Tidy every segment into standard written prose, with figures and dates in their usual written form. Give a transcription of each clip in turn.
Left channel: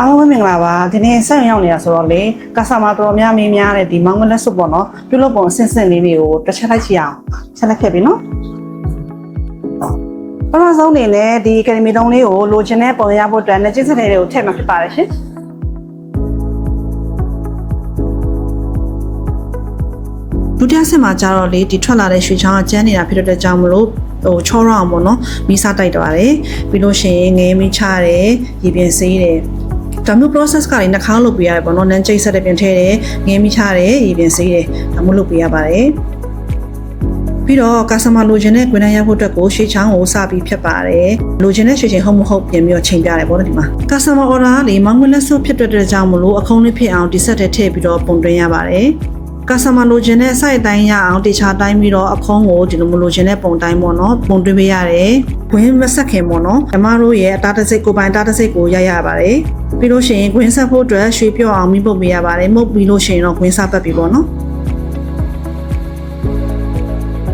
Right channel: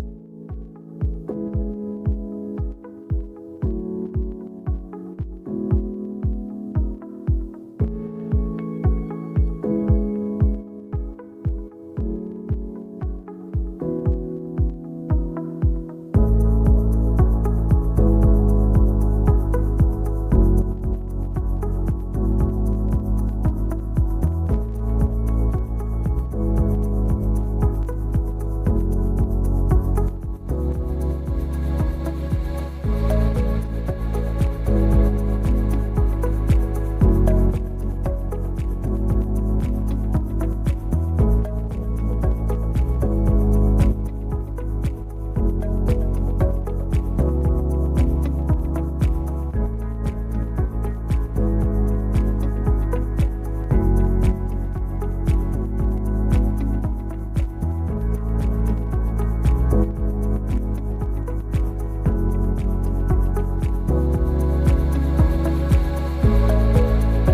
အားလုံးပဲမင်္ဂလာပါဒီနေ့ဆက်ရောက်နေတာဆိုတော့လေကာဆာမာတော်များများတဲ့ဒီမောင်မလက်စွပ်ပေါ့နော်ပြုလုပ်ပုံအဆင့်ဆင့်လေးတွေကိုတစ်ချက်လိုက်ကြည့်အောင်ချက်လိုက်ခဲ့ပြီနော်ပထမဆုံးအနေနဲ့ဒီကယ်ဒမီတုံးလေးကိုလိုချင်တဲ့ပုံရဖို့အတွက်နဲ့ကျစ်စတဲ့တွေကိုထည့်မှာဖြစ်ပါတယ်ရှင်ဒုတိယဆင့်မှာကျတော့လေဒီထွက်လာတဲ့ရွှေချောင်းကကျန်းနေတာဖြစ်တဲ့ကြောင့်မလို့ချောရအောင်ပေါ့နော်မီးစားတိုက်သွားတယ်ပြီးလို့ရှိရင်ငဲမီးချတယ်ရေပြင်ဆေးတယ်ဒါမျိုး process ကလည်းနှာခေါင်းလုပ်ပေးရတယ်ပေါ့နော်နန်းကျိတ်ဆက်တဲ့ပြင်ထဲတယ်ငဲမီးချတယ်ရေပြင်ဆေးတယ်ဒါမျိုးလုပ်ပေးရပါတယ်ပြီးတော့ customer လိုချင်တဲ့ကွင်းတန်းရဖို့အတွက်ကိုရွှေချောင်းကိုစပြီးဖြတ်ပါတယ်လိုချင်တဲ့ရွှေချိန်ဟုတ်မဟုတ်ပြင်ပြီးတော့ချိန်ပြတယ်ပေါ့နော်ဒီမှာ customer order ကလေမောင်မလက်စွပ်ဖြစ်တဲ့ကြောင့်မလို့အခုံးလေးဖြစ်အောင်ဒီဆက်တဲ့ထည့်ပြီးတော့ပုံသွင်းရပါတယ်ကာဆာမလိုချင်တဲ့ site တိုင်းရအောင်တေချာတိုင်းပြီးတော့အဖုံးကိုဒီလိုမလိုချင်တဲ့ပုံတိုင်းပေါ့နော်ပုံတွင်းပေးရတယ်။ဂွင်းမဆက်ခင်ပေါ့နော်။ဓမ္မတို့ရဲ့အတားတစိတ်ကိုပိုင်တားတစိတ်ကိုရပါတယ်။ပြီးလို့ရှိရင်ဂွင်းဆက်ဖို့အတွက်ရွှေပြော့အောင်မိပုတ်ပေးရပါတယ်။မှုတ်ပြီးလို့ရှိရင်တော့ဂွင်းဆက်ပတ်ပြီပေါ့နော်။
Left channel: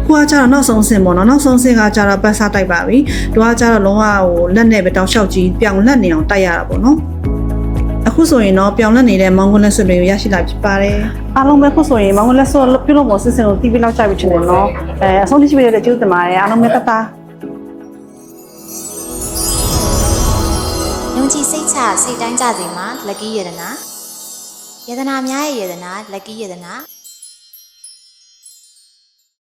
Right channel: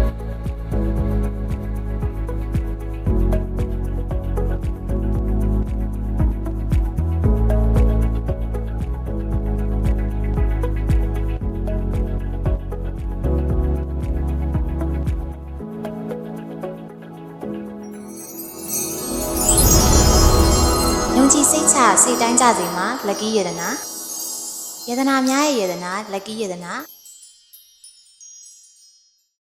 ကိုကကြတော့နောက်ဆုံးဆင့်ပေါ့နော်။နောက်ဆုံးဆင့်ကကြတော့ပတ်စားတိုက်ပါပြီ။တို့ကကြတော့လုံးဝဟိုလက်နဲ့ပဲတောက်လျှောက်ကြီးပြောင်လက်နေအောင်တိုက်ရတာပေါ့နော်။အခုဆိုရင်တော့ပြောင်းလဲနေတဲ့မောင်ကွန်းလက်စွပ်တွေကိုရရှိလာဖြစ်ပါတယ်အားလုံးပဲခုဆိုရင်မောင်ကွန်းလက်စွပ်ပြုလုပ်ဖို့စစ်စင်ကိုတီးပြီးလောက်ကြပြီချင်တယ်နော်အဆုံးထိရှိပြီးတဲ့ကျေးဇူးတင်ပါတယ်အားလုံးပဲတတ်တာယုံကြည်စိတ်ချစိတ်တိုင်းကြစီမှာ lucky ယတနာယတနာများရဲ့ယတနာ lucky ယတနာ